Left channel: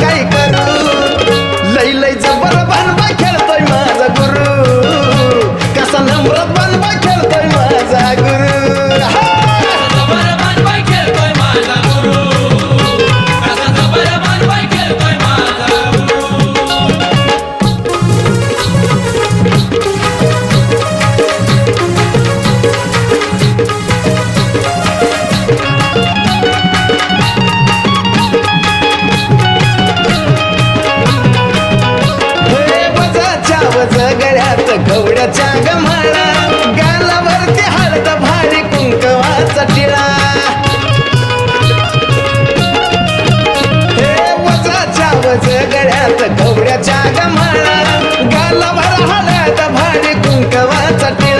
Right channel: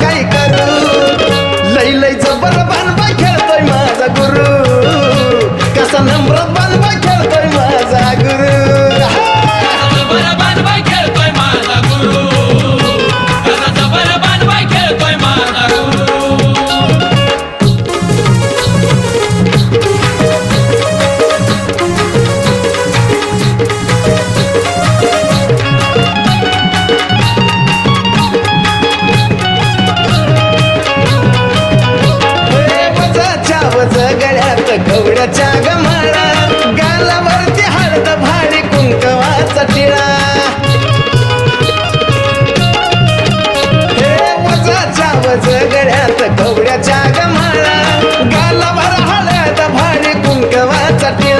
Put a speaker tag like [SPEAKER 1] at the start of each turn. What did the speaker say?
[SPEAKER 1] 该 वज गळ्यात कवड्याच्या गमाळा गालावरती हळद भारी कुंकवाचा टिळा. हे वजाच्या वज गळ्यात कवड्याच्या गमाळा